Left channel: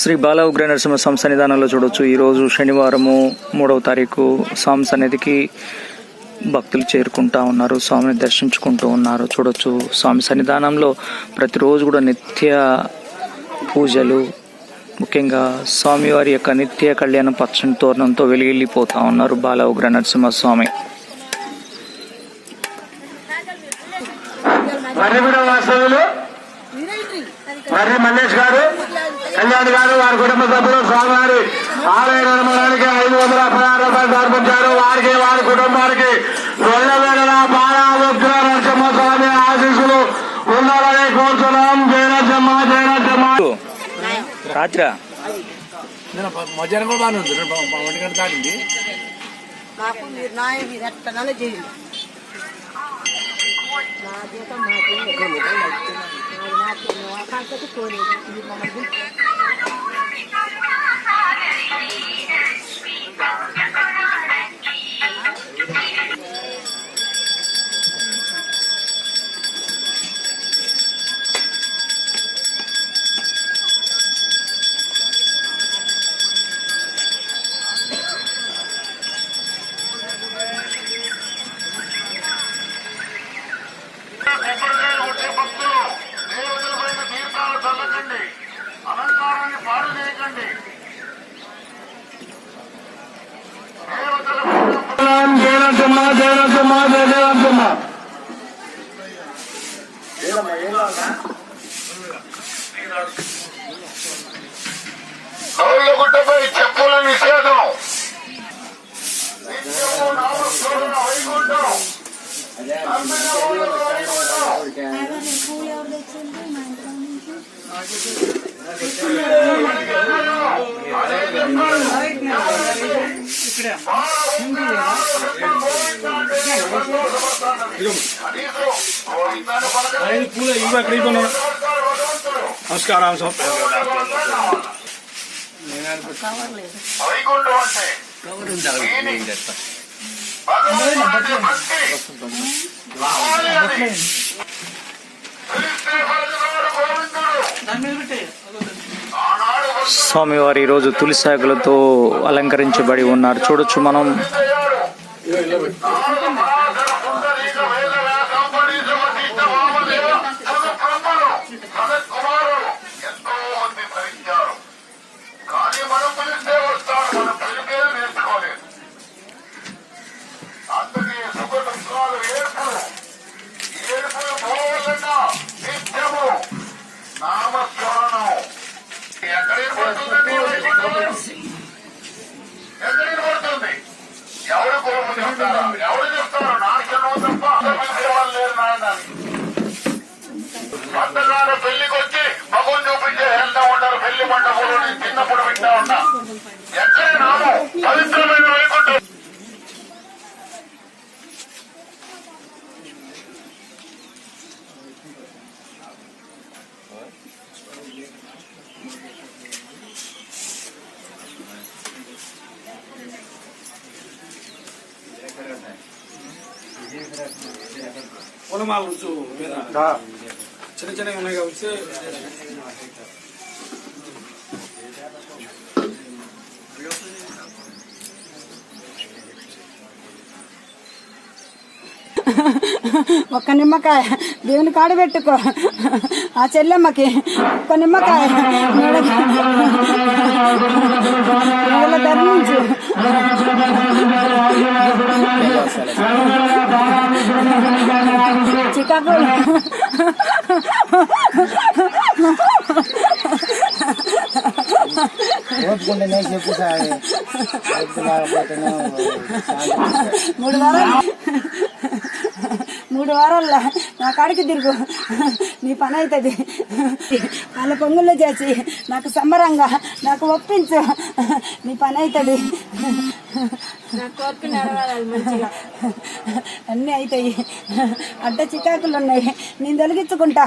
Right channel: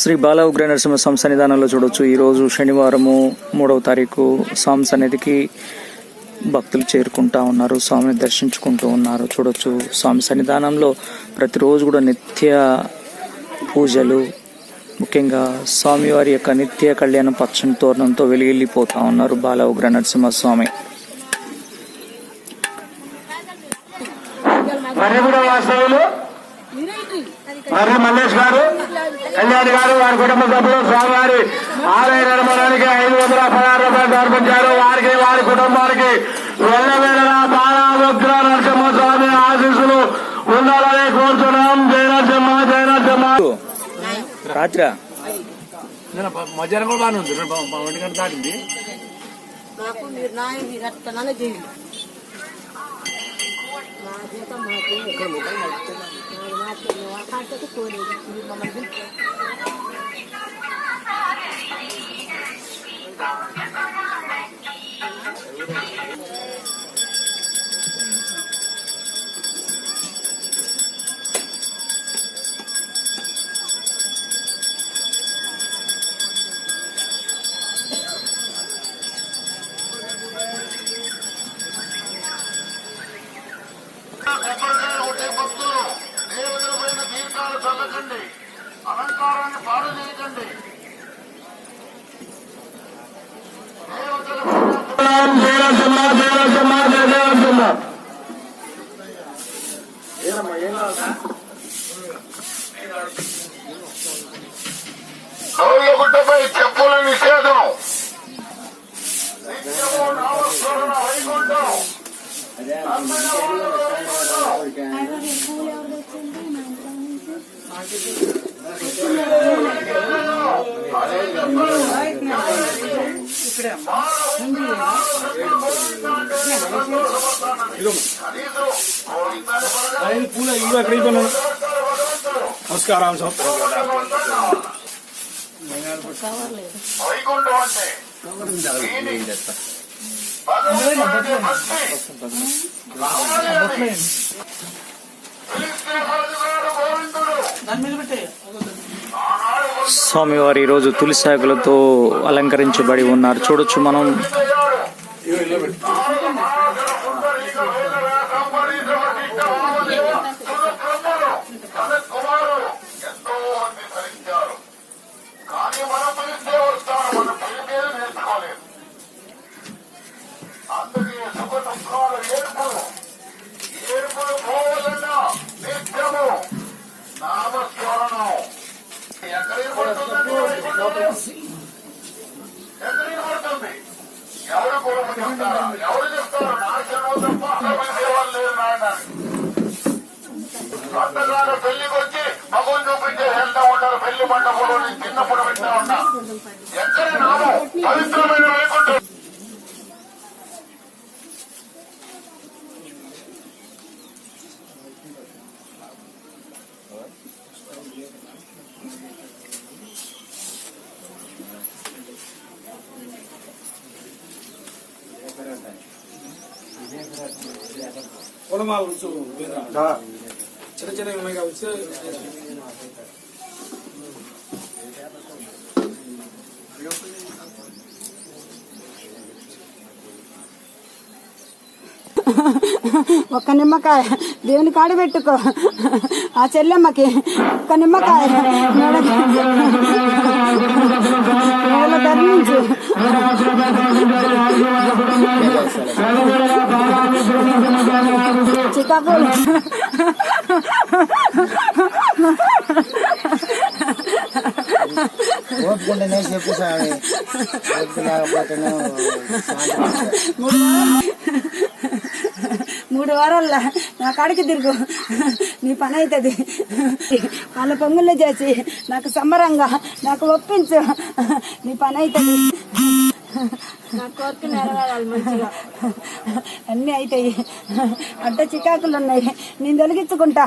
శ్రీ బాల ఉగ్ర నరసింహ స్వామి సన్నిధానంలో చూడొచ్చు. ఈరోజు శనివారము 3వ తారీఖు స్వామి సన్నిధికి భక్తులు చేరుకుంటా ఉన్నారు, స్వామిని దర్శించుకుంటూ ఉన్నారు. చూడొచ్చు స్వామి సన్నిధానంలో ప్రతిరోజు కూడా నిత్య పూజలు, ముఖ్యంగా స్వామివారి యొక్క నిత్య కళ్యాణ పచ్చని తోరణంతో వెలిగిల్లిపోతా ఉన్నారు బాల ఉగ్ర నరసింహ స్వామి. మరి మల్లేష్ గారు, కళ్యాణ్ గారు, వారి కుటుంబ సభ్యులు స్వామివారి ఆలయ నిర్మాణానికి 516 రూపాయలు సమర్పించారు. వారికి వారి కుటుంబానికి వెళ్ళవేళగా బాలా ఉగ్ర నరసింహస్వామి ఆశీస్సులు ఉండాలని కోరుతున్నాం. జయ నరసింహ, జయ నరసింహ. రాత్రి మధ్యాహ్నం కూడా బాగానే ఉంది, 1 గంట దాటింది. అలంకారాన్ని పాడు చేయకండి. గుట్టపై చెప్పుల నిషేధం. నమస్కారం. స్వామివారు ఈరోజు తులసాకులతో అలంకరించబడి ఉన్నారు. చూడొచ్చు మనం. పంటగారు పెళ్లికి వచ్చి మగం చూపించే వెళ్తా ఉంటారు. పెళ్లి మండపంలో నేను చిన్నప్పుడు వింటా ఉన్నా. ఎక్కడ నామం పవిత్రమైన వైకుంఠం. పొలమాలు చిన్న చిన్నవి ఉన్నాయి కాబట్టి ఒక్క నిమ్మకాయ దేవుని కాడు పెట్టుకో. ఆ చెల్లెమ్మకి ఒక్క నిమ్మకాయ మెడలో ధరించి చికాకులు ఓపుకుంటేనే చెప్పు సార్, లేకపోతేనే 3 వారాల్లో నా కాడికి తిరుగు, నీ పని అవుతుంది. వాళ్ళ పొంగుల్లో చేసి నాకు సంబరంగా నాకు ఒప్పించు, నీ పని అవుతుంది. నా కోరిక నెరవేరాలి మంచిగా, అన్నీ అవుతాయి. అడ్డ చికాకులు ఉన్నాయి, నేను తొలగించుకుంటా.